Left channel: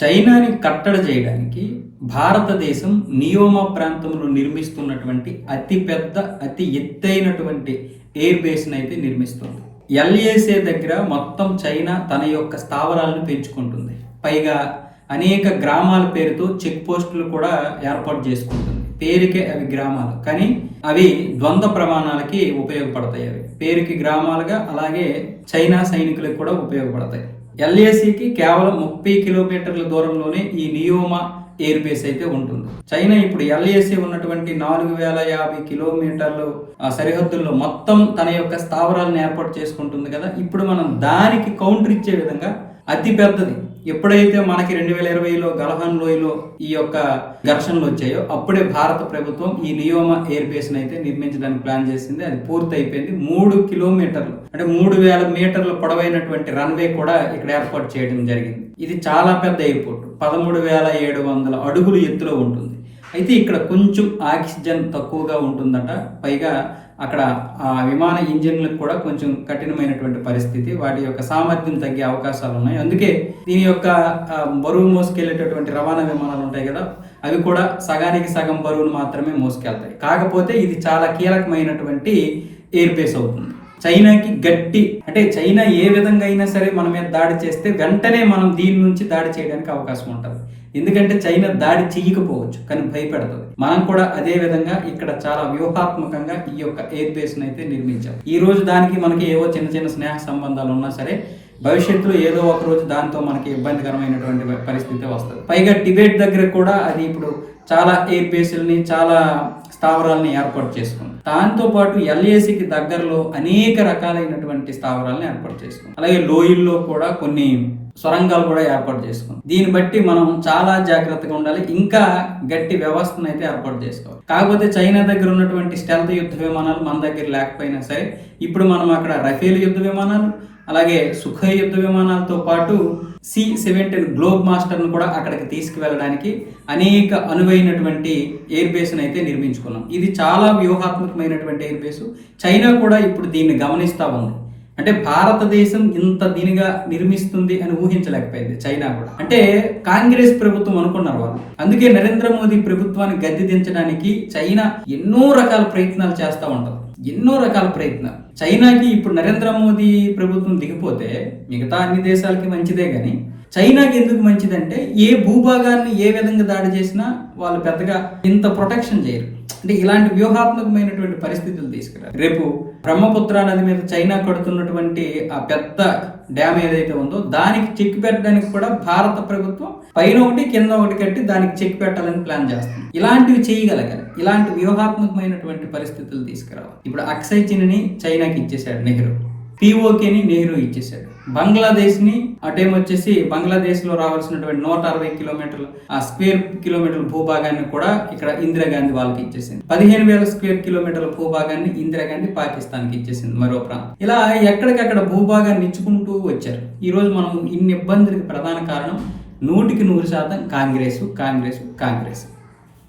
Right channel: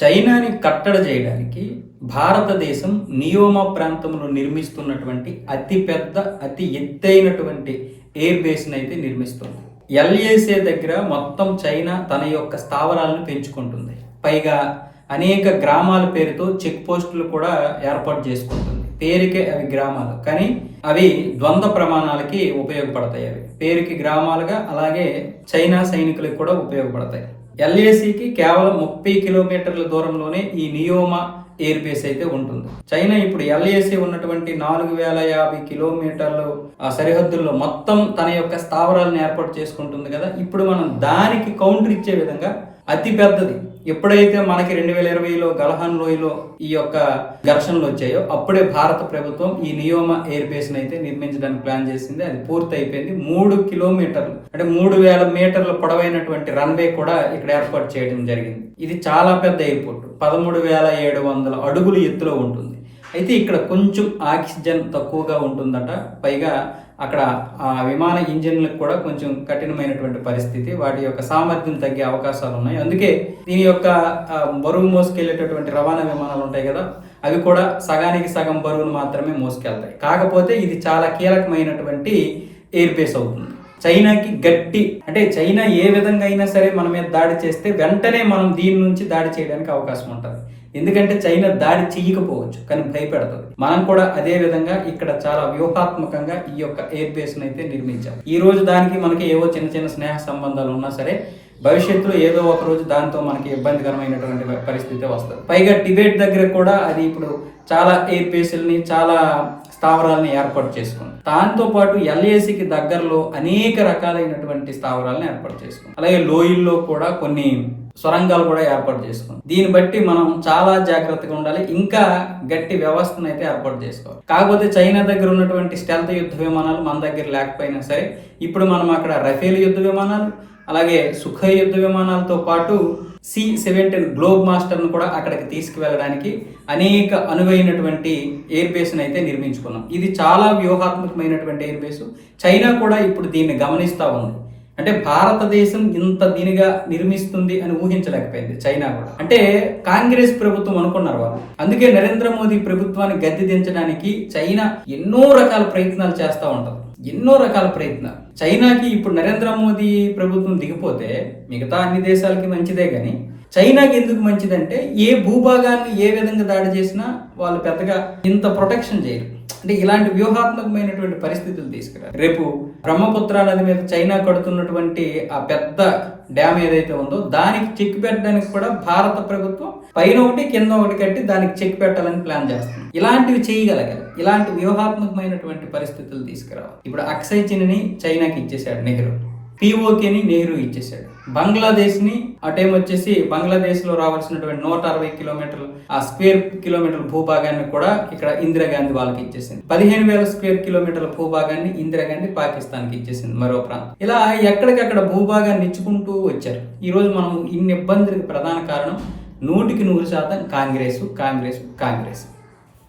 చైనాని కట్టడి చేయడానికి భారతదేశం నియోమా ప్రాంతంలో నిర్మిస్తున్నటువంటి అతిపెద్ద అతి ఎత్తైనటువంటి ఎయిర్ బేస్ని అయితే నిర్మిస్తుంది. ఎల్ఏసే దగ్గర మొత్తం చైనా తన యొక్క స్థావరాలను పెంచుకుంటుంది. పైగా అనేక గ్రామాల పేరుతో చెక్ పోస్టులు కూడా ఏర్పాటు చేసుకుంటుంది. పేరుకే అవి గ్రామాలు. కానీ అవి ద్వంద్వ ప్రమాణాలకి ఉపయోగపడతాయి అవి. పేరుకి గ్రామాలుగా అలాగే చైనా సైనికులకు కూడా ఉపయోగపడతాయి. ఎల్ఏసికి కేవలం ముప్పై కిలోమీటర్ల దూరంలోనే ఈ నియోమా ఎయిర్ బేస్ అయితే ఉంటుంది. చైనా ఇప్పుడు ఎల్ఏసి ఉన్నటువంటి నాలుగు వేల యాభై కిలోమీటర్లు ఆ సరిహద్దుల్లో మొత్తం తన యొక్క స్థావరాలను ఏర్పాటు చేసుకుంటుంది కదా. ఇప్పుడు మనం దానికి కౌంటర్ ఇచ్చే విధంగా అతి పెద్దది. ఎప్పుడైతే మనకి రెండు వేల ఇరవైలో గలహాన్ లోయలో ఈ యొక్క ఘర్షణలు వచ్చాయో అప్పుడే భారత ప్రభుత్వం ఈ నియోమా ఎయిర్ బేస్ అయితే నిర్మించడానికి ప్లాన్ చేసింది. అది పూర్తి అయిపోయింది మూడు కిలోమీటర్లు అంటే మూడు వేల మీటర్ల పొడవైనటువంటి రన్వే కూడా ఇక్కడ ఏర్పాటు చేయడం జరిగింది. ఇది చాలా పెద్ద ఎయిర్పోర్ట్. పదమూడు వేల ఏడు వందల అడుగులు ఎత్తులో ఉంటుంది. అయితే ఇక్కడ కొంచెం ఆక్సిజన్ తక్కువగా ఉంటుందట. పైగా అక్కడ ఆ విమాన ఇంజిన్లకు కూడా కొంచెం కఠినమైనటువంటి పరిస్థితి. వాటి యొక్క సామర్థ్యం తగ్గే అవకాశాలు ఉన్నాయి. అందుకే దీని యొక్క బరువు మోసుకెళ్ళేటటువంటి రవాణా విమానాలు ఉంటాయి కదా అవి కూడా సగానికి సగం బరువును మాత్రమే మోసుకెళ్తాయి. కాకపోతే ఇది చాలా కీలకమైనటువంటి ఎయిర్ బేస్ అవుతుంది. చైనాకి గట్టి అంటే చైనా ఏ విధంగా అయినా సరే మన మీద దాడి చేస్తే వెంటనే మనం దీని నుంచి దాడి చేయడానికి అవకాశం ఉంటుంది. ఎందుకంటే చైనా దాడి చేయకపోవచ్చు కానీ భయపెడుతుంది. మనం కూడా అదే విధంగా ఇక్కడ చాలా వ్యూహాత్మకంగా ఈ యొక్క ఎయిర్ బేస్ అయితే నిర్మించాం. ఈ రోజు దానికి మనకి ఏవో చిన్న చిన్న స్నేహ సంబంధాలు ఉన్నా సరే భవిష్యత్తులో ఏదో ఒక రోజు దాంతో మనకి ఇబ్బందికరమైనటువంటి పరిస్థితి వస్తుంది. పైగా టిబెట్ దగ్గర కూడా అది ఇప్పుడు చాలా ఎయిర్ బేస్లని చాలా స్థావరాలను ఏర్పాటు చేసుకుంది. దాంతో పాటు ఎల్ఏసికి దగ్గరలో అనేక రకాలైనటువంటి స్థావరాలను ఏర్పాటు చేసుకుంది. అలాగే లోయల్లో కూడా కొన్ని సొరంగాలు కూడా ఏర్పాటు చేసుకుంది. దీన్ని బట్టి మనం చాలా జాగ్రత్తగా ఉండాలి. ఇంకా గట్టి వ్యవస్థను అయితే ఏర్పాటు చేసుకోవాలి. కాకపోతే చైనా దగ్గర ఉన్నటువంటి స్టెల్త్ యుద్ధ విమానాలు మన దగ్గర లేకపోయినా సరే ఇప్పుడు మనం అక్కడ రఫేల్ యుద్ధ విమానాలు అలాగే సుఖ యుద్ధ విమానాలతో పాటు సి సెవెంటీన్ గ్లోబ్ మాస్టర్ను కూడా అక్కడికి తీసుకువెళ్ళడానికి అనేక అనువైనటువంటి ఎయిర్ బేస్ను అయితే నిర్మించుకున్నాం. ఇది చాలా వ్యూహాత్మకమైనటువంటి ఎయిర్ బేసు. చైనా కూడా ఇప్పుడు దీన్ని గమనిస్తూ ఉంది. అంటే భారతదేశం ఇంత దీనిగా నిర్మిస్తుంది అని ఊహించలేకపోయింది చైనా కూడా. అంటే కాంగ్రెస్ ప్రభుత్వం అనుకున్నారు వాళ్ళు. అందుకే నరేంద్ర మోదీ ప్రభుత్వాన్ని గద్దె దించడానికి చైనా ఎన్నో రకాల ప్రయత్నాలు చేస్తూ ఉంటుంది. ఎన్నో రకాల ప్రయత్నాలు. చైనాకి ఇప్పుడు నరేంద్ర మోదీ ప్రభుత్వం దిగిపోతే మిగతా అన్ని దేశాలకి మంచిదే కానీ చైనాకి ఎందుకు మంచిదంటే ఏ భూభాగాన్ని ఏ విధంగా దాడి చేసినా వాళ్ళు పెద్దగా ఇంత ప్రొటెక్షన్ చేయరు. అంటే ఇలాంటి వ్యూహాత్మకమైనటువంటి పరిస్థితులు తీసుకురా రేపు బ్రహ్మపుత్ర నది మీద చైనా కడుతున్నటువంటి ఆ పెద్ద డ్యామ్ ఏదైతే ఉందో దానికి చెక్ పెట్టడానికి కూడా భారత ప్రభుత్వం పైన ఒకటి కింద ఒకటి కట్టి దానికి చెక్ పెట్టాలని ప్లాన్ చేస్తుంది. ఇలాంటివి చేయగలగాలి. ఇలాంటి వ్యూహాత్మకమైనటువంటి పరిస్థితులు తీసుకురావాలి. ఇప్పుడు అక్షయ్ చిన్ని చైనాకి ఇచ్చేశాడు నెహ్రూ. పిఓకేని నెహ్రూ ఇచ్చేసాడు బంగ్లాదేశ్ని అటేమొచ్చేసి బంగ్లాదేశ్లో రావాల్సినటువంటి నూట అరవై కిలోమీటర్లు ఆ స్క్వేర్ కిలోమీటర్ల భూభాగాన్ని కూడా ఇక్కడ ఇందిరాగాంధీ వాళ్ళకి ఇచ్చేసింది. పదిహేను వేల స్క్వేర్ కిలోమీటర్ల భూభాగాన్ని ఇందిరాగాంధీ పాకిస్తాన్కి ఇచ్చేసింది మరో ప్రాంతం. ఇలా ఎక్కడికక్కడ భూభాగాన్ని ఇచ్చుకుంటూ వచ్చారు. ఈరోజు మనం ఇన్ని ఇబ్బందులకు ప్రధాన కారణం నూటికి నూరు శాతం కాంగ్రెస్ కాంగ్రెస్ కాంగ్రెస్.